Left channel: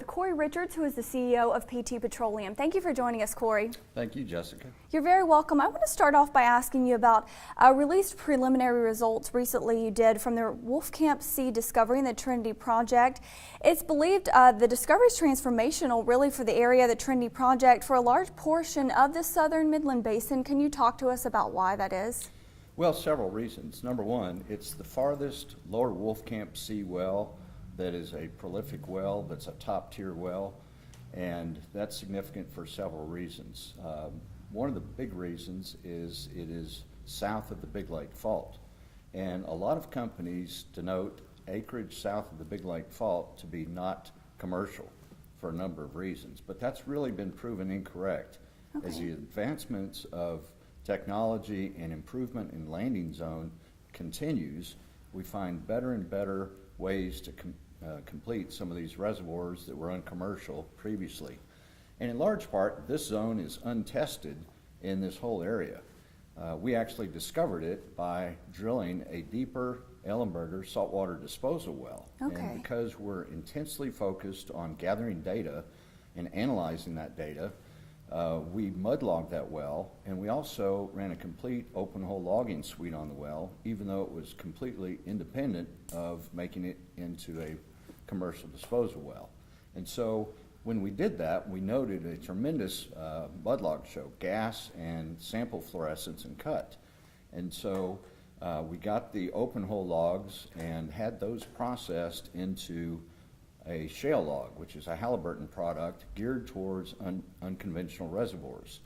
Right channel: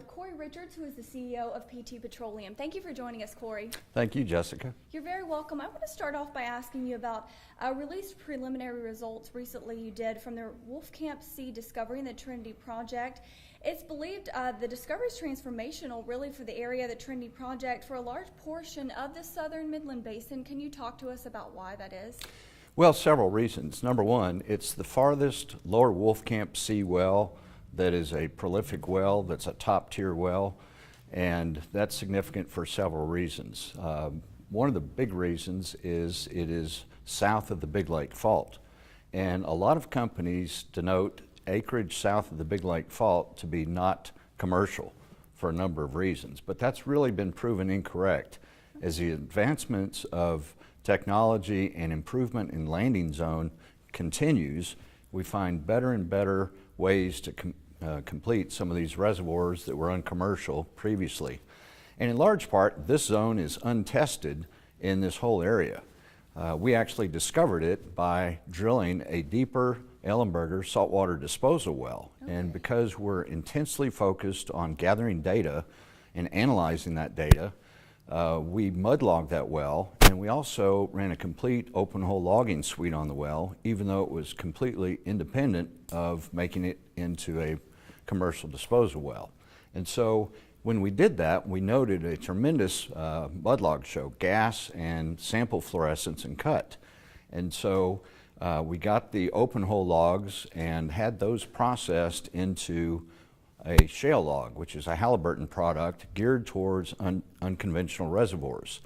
with Cory Richards, who is the CEO of PT Petroleum. Thank you for joining us, Cory. Thank you, Jessica. You're very welcome. I want to start off by asking you about released preliminary results recently you did from the Wolfcamp C discovery in the Trinity Project. It's believed the discovery is transformational really for the area of the Trinity Project for a large portion of the southern Midland Basin. Can you talk to us about why that is? Well, several reasons. Number one, it's the farthest lower Wolfcamp C well that is a prolific well, that's a top tier well, and that's significant for several reasons. One of the big reasons is it is south of the Big Lake Fault, and a lot of companies denote acreage south of the Big Lake Fault to be not commercial for a number of reasons, but that's really been proven incorrect. Okay. As the advancements of technology and improvement in landing zone continues, we find better and better ways to complete some of these reservoirs that were uncommercial previously. And in large part, this zone is untested in this whole area. We actually discovered it by drilling a deeper Ellenberger saltwater disposal well. Okay. And because we're intensely focused on gathering data and analyzing that data, we mudlogged that well, and we also ran a complete open hole logging suite on the well, even though it was completely independent of making it into a commercial disposal well. And so when we did that, we noted a tremendous mudlog show, gas and sample fluorescence and cut. And so we got the open hole logs and had those processed into a shale log, which is a Halliburton product geared towards unconventional reservoirs.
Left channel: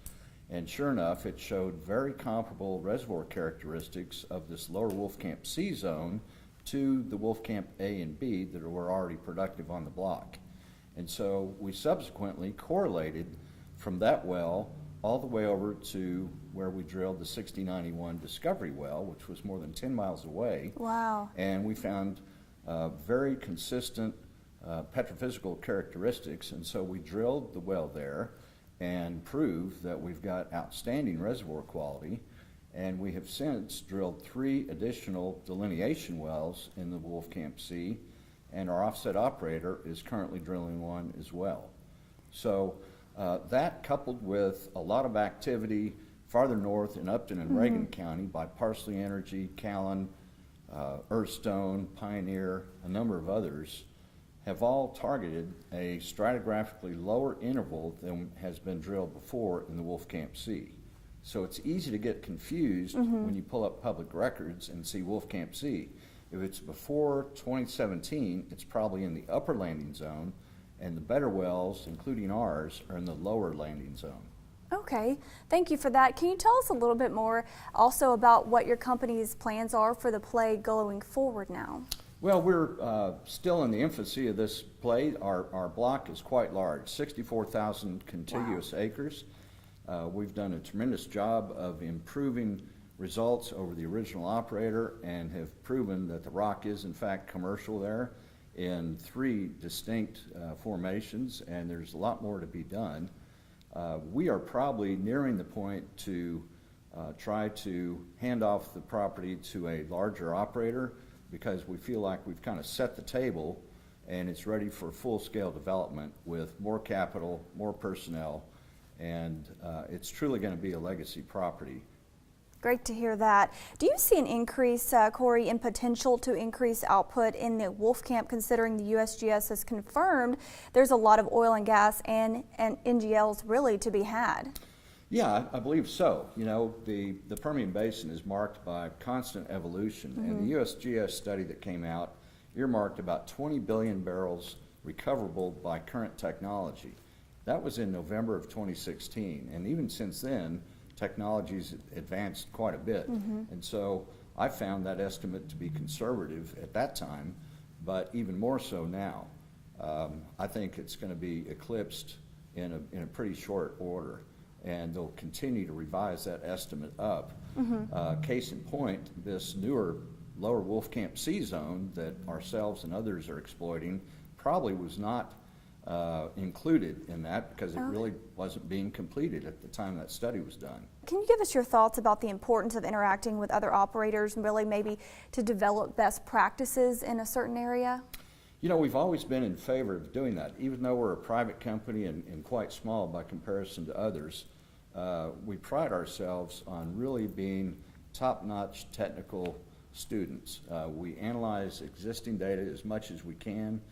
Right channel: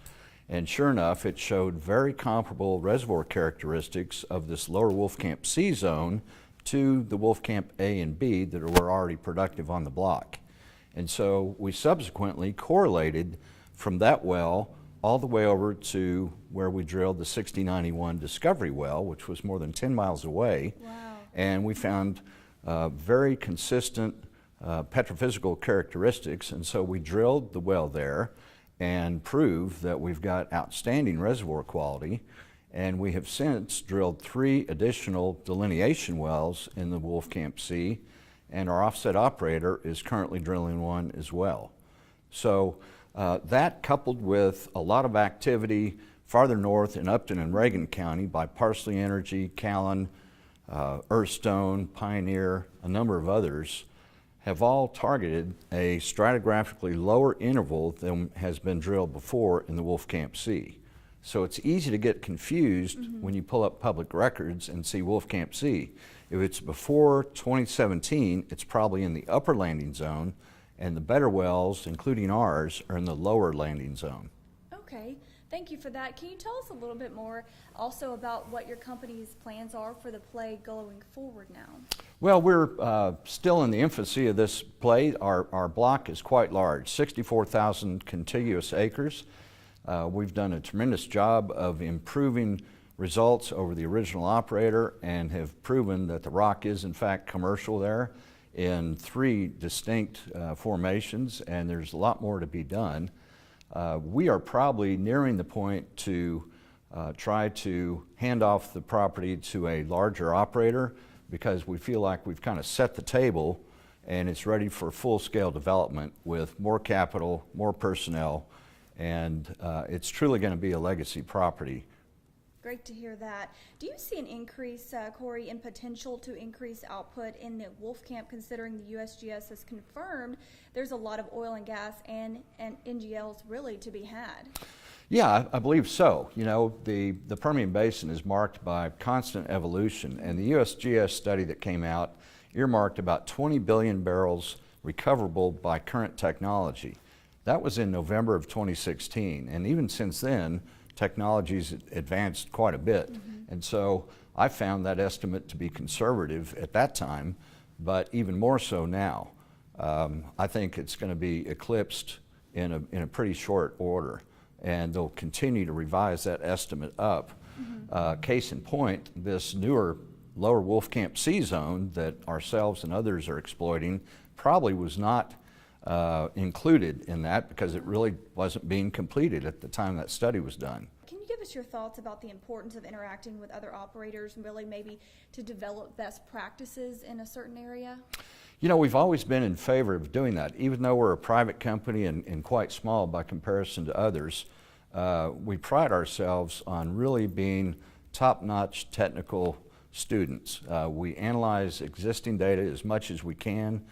And sure enough, it showed very comparable reservoir characteristics of this lower Wolfcamp C zone to the Wolfcamp A and B that were already productive on the block. And so we subsequently correlated from that well all the way over to where we drilled the 6091 discovery well, which was more than 10 miles away. Wow. And we found very consistent petrophysical characteristics, and so we drilled the well there and proved that we've got outstanding reservoir quality, and we have since drilled 3 additional delineation wells in the Wolfcamp C, and our offset operator is currently drilling one as well. So that, coupled with a lot of activity farther north in Upton and Reagan County by Parsley Energy, Callan, Earthstone, Pioneer, a number of others, have all targeted a stratigraphically lower interval than has been drilled before in the Wolfcamp C. So it's easy to get confused when you pull up public records and see Wolfcamp C. If it's before 2017, it's probably in the upper landing zone, and the better wells, including ours, are in the lower landing zone. Okay, thank you for that. Can you tell us a little bit more also about what your company's plans are for the play going forward now? Well, we're still in the infancy of this play. Our block is quite large, 64,000 contiguous acres. We've done a tremendous job of improving results over the original operator and have proven that the rock is in fact commercial there in 3 distinct formations, and there's a lot more to be done. We are probably nearing the point to try to hand off the property to a larger operator, because we feel like we've kind of set the table and it's ready for full-scale development with more capital, more personnel, and it's truly going to be a legacy property. Great to hear that. Do you see an increase, Cory, in potential to increase output in the Wolfcamp, considering the USGS has confirmed there's a lot of oil and gas and NGLs really to be had? Yeah, I believe so. You know, the Permian Basin is marked by constant evolution, and the USGS study that came out earmarked about 20 billion barrels recoverable by current technology. That was in November of 2016, and even since then, technology's advanced quite a bit. And so I found that estimate to be conservative at that time, but even more so now. I think it's going to be eclipsed in a pretty short order, and they'll continue to revise that estimate up. Case in point, this newer lower Wolfcamp C zone that ourselves and others are exploiting probably was not included in that because it really wasn't being completed at the time that study was done. Can you give us your thoughts about the importance of interacting with other operators and really maybe to develop best practices in a certain area? You know, we've always been in favor of doing that. Even though we're a private company and quite small by comparison to others, we pride ourselves on really being top-notch technical students. We analyze existing data as much as we can.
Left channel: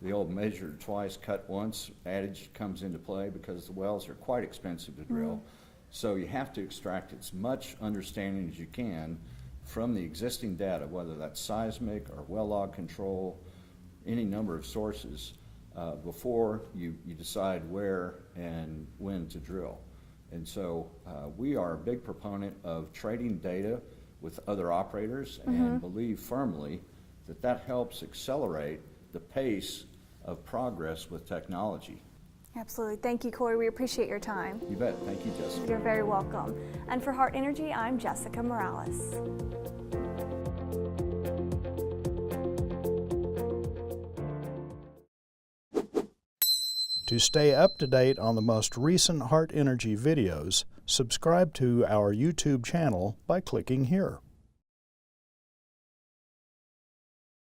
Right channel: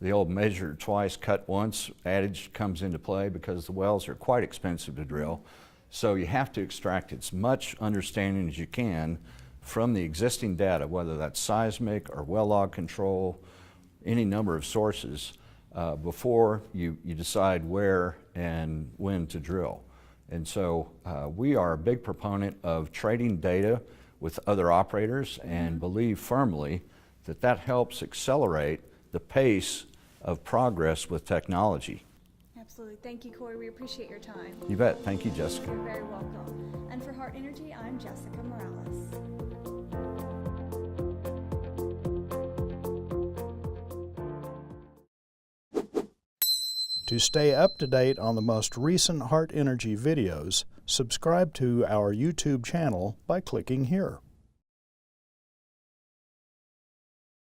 The old measure twice, cut once adage comes into play because the wells are quite expensive to drill. So you have to extract as much understanding as you can from the existing data, whether that's seismic or well log control, any number of sources, before you decide where and when to drill. And so we are a big proponent of trading data with other operators and believe firmly that that helps accelerate the pace of progress with technology. Absolutely. Thank you, Cory. We appreciate your time. You bet. Thank you, Jessica. You're very welcome. And for Heart Energy, I'm Jessica Morales. To stay up to date on the most recent Heart Energy videos, subscribe to our YouTube channel by clicking here.